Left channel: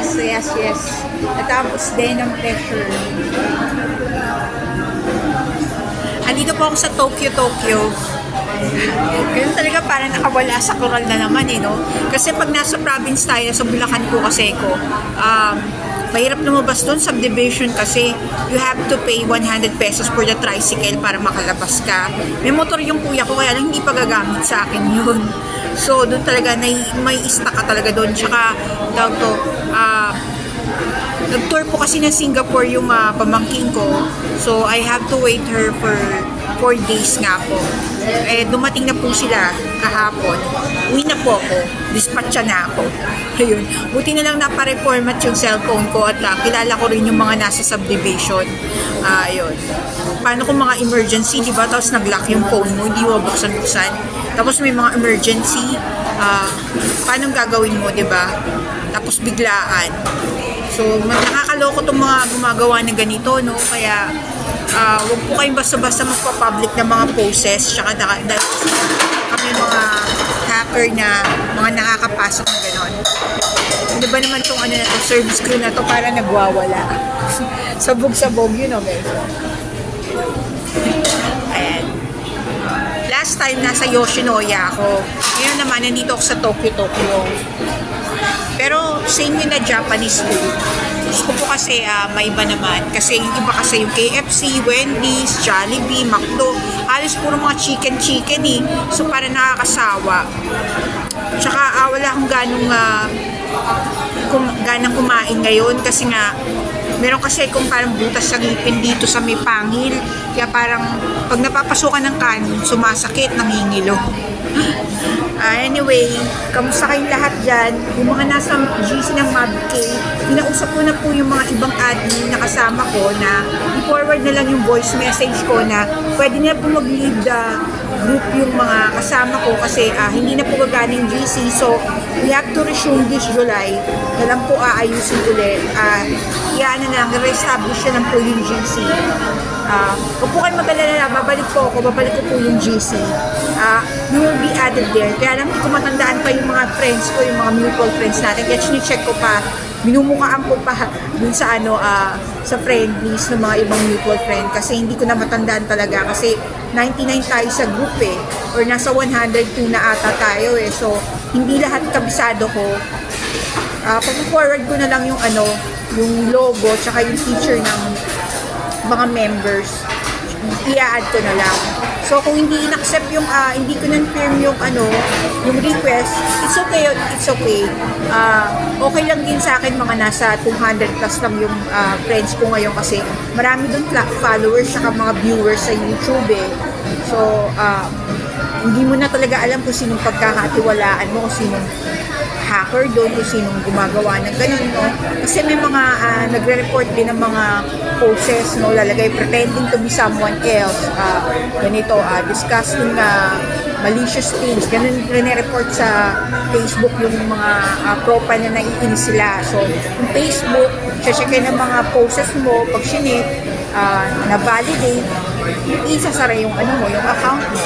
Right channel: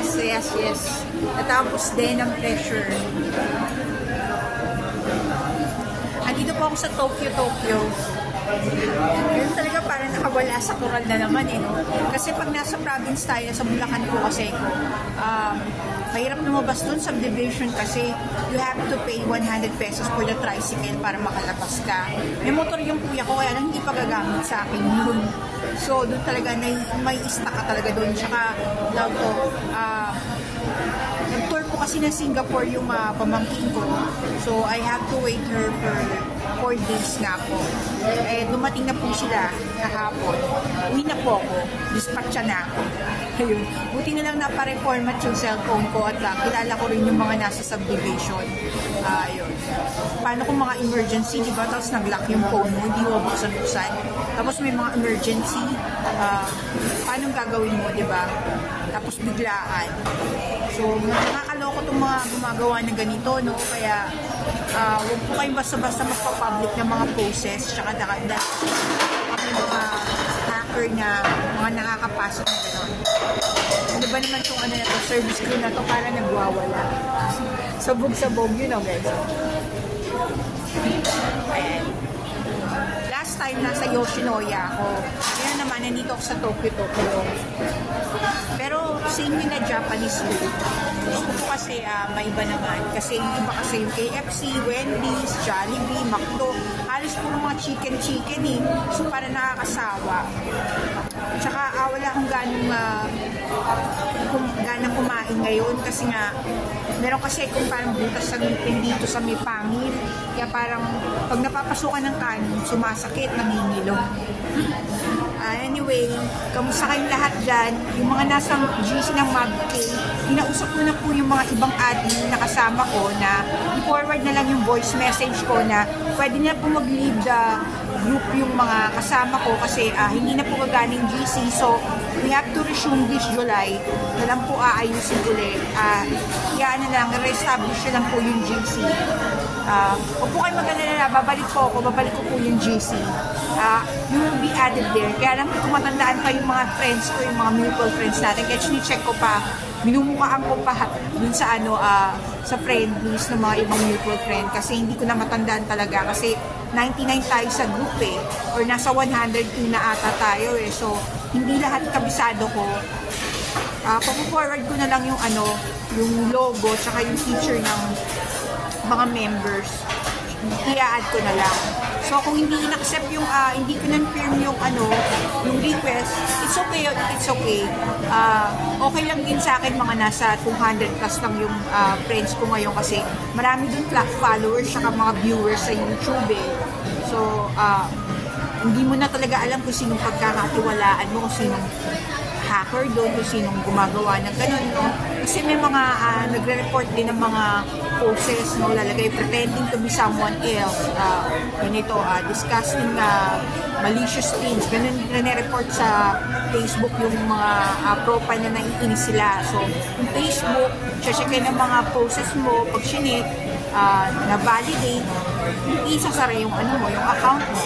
Yes. Natapos din ang pressure. Andito po ako sa Tokyo. Ganun talaga parang nakawala sa coral na naman no? Kasi pag nasa province tayo, sa Bulacan po kasi ko, mahirap lumabas doon, subdivision kasi you have to pay 100 pesos for the tricycle para makalabas ka. May motor yung kuya ko, kaya lang hindi pa gagamit sa akin yun. So, doon talaga, may stuck ka talaga doon. Tsaka, nag-tour po kasi ng Singapore yung pamangking ko. So, I have to wait her for 4 days nga po. Dumating na po sila kahapon. Uwi na po ako. Dispatcha na ako. Ayun. Buti na lang napareformat yung cellphone ko at kilala ko rin yung mga nasa subdivision. Ayun. Paano kung mga emergency, di ba? Tapos nag-lock yung phone mo, hindi mo buksan-buksan. Tapos may mga emergency, paano gagawin mo, di ba? Tapos biglaan. So, nakakaloko itong mga gumagawa ng ganito, no? Kaya, huwag po kayong basta-basta magpa-public ng mga poses, tsaka dahil kami mga hacker na mga nakakapasok ng gano'n. Ano ba naman itong service crew na to para nagwawala? Sabog-sabog, yun o, guys. Ayan. Last time, nasa Yoshinoya ako. Ngayon naman, nandito ako sa Tokyo. Pero, same yun na Japanese food. Gusto ko kasi may iba naman. Kasi yung iba kasi yung KFC, Wendy's, Jollibee, McDo. Halos puro mga chicken eh. So, parang nakakasawa. Tsaka, wala akong ganang kumain ngayon. Kasi nga, meron kasi kung parang butas sa ngipin dito sa may pangil. Kaya parang pag napapasukan ng kanin, sumasakit, nangingilo. Anyway, kamusta kayong lahat dyan? Yung mga nasa GC ng MabK, kinausap ko na po yung mga ibang admin na kasama ko na i-forward na lang yung voice message ko na pwede na po mag-leave the group yung mga kasama ko kasi hindi na po gagana yung GC. So, we have to resume this July. Na lang po aayusin ulit. Re-establish na lang po yung GC. Huwag po kayo mag-alala, babalik ko po yung GC. You will be added there. Kaya lang, hindi ko matandaan pa yung mga friends ko, yung mga mutual friends natin. Kaya check ko pa, minumukaan ko pa dun sa sa friend list ng mga ibang mutual friend kasi hindi ko na matandaan talaga kasi 99 tayo sa group or nasa 102 na ata tayo so hindi lahat kabisado ko. Pag-forward ko na lang yung yung logo tsaka yung feature ng mga members, i-add ko na lang. So kung hindi in-accept yung hindi ko na-firm yung yung request, it's okay. Okay lang din sa akin mga nasa 200 plus lang yung friends ko ngayon kasi marami doon followers saka mga viewers sa YouTube So hindi mo na talaga alam kung sinong pagkakatiwalaan mo, kung sinong hacker doon, kung sinong gumagawa ng ganun, no? Kasi may mga nagre-report din ng mga poses, no? Lalagay pretending to be someone else, ganito, discussing malicious things, ganun rin-report sa Facebook yung mga profile na naiinis sila. So, yung Facebook, check-in ng mga poses mo, pag sinit, na-validate, isasara yung yung account mo.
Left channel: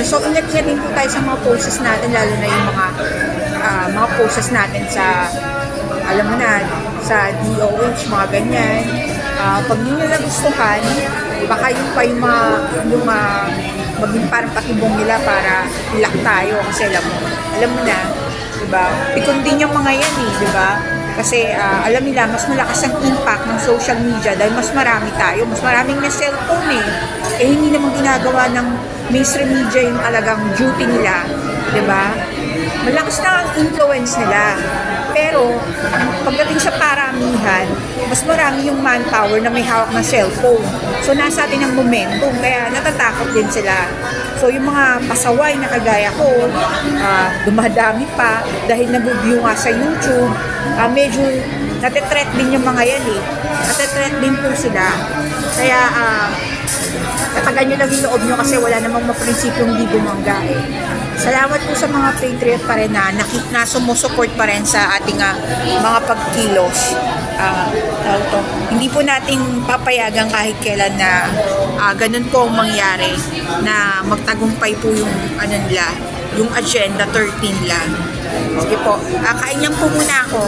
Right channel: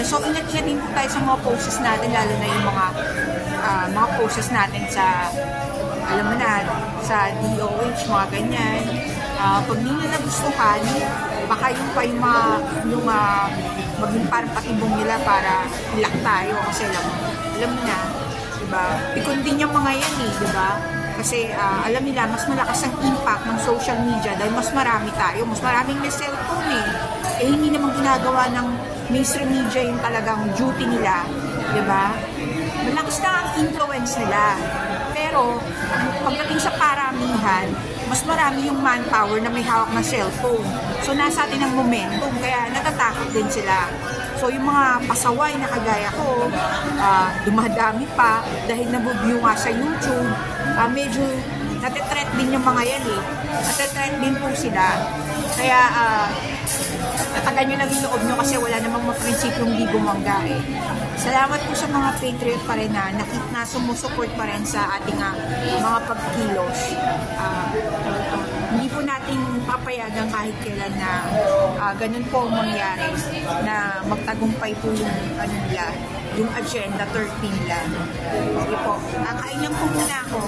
So, ingat-ingat din po tayo sa mga poses natin, lalo na yung mga poses natin sa, alam mo na, sa DOH, mga ganyan. Pag hindi nila gustuhan, baka yung maging parang patibong nila para lock tayo. Kasi alam mo na, diba? Pikon din yung mga yan diba? Kasi alam nila, mas malakas ang impact ng social media dahil mas marami tayo, mas maraming may cellphone hindi naman ginagawa ng mainstream media yung talagang duty nila, diba? Malakas na ang influence nila. Pero, pagdating sa paramihan, mas marami yung manpower na may hawak na cellphone. So, nasa atin ang momentum, kaya natatakot din sila. So, yung mga pasaway na kagaya ko, dumadami pa dahil nag-view nga sa YouTube, medyo natetreat din yung mga yan natetreat din po sila. Kaya, tatagan nyo lang yung loob nyo kasi wala namang maprinsipyong di bumangga Salamat po sa mga Patriot pa rin na sumusupport pa rin sa ating mga pagkilos. Hindi po natin papayagan kahit kailan na ganun po ang mangyari na magtagumpay po yung nila, yung Agenda 13 lang. Sige po, kain lang po muna ako.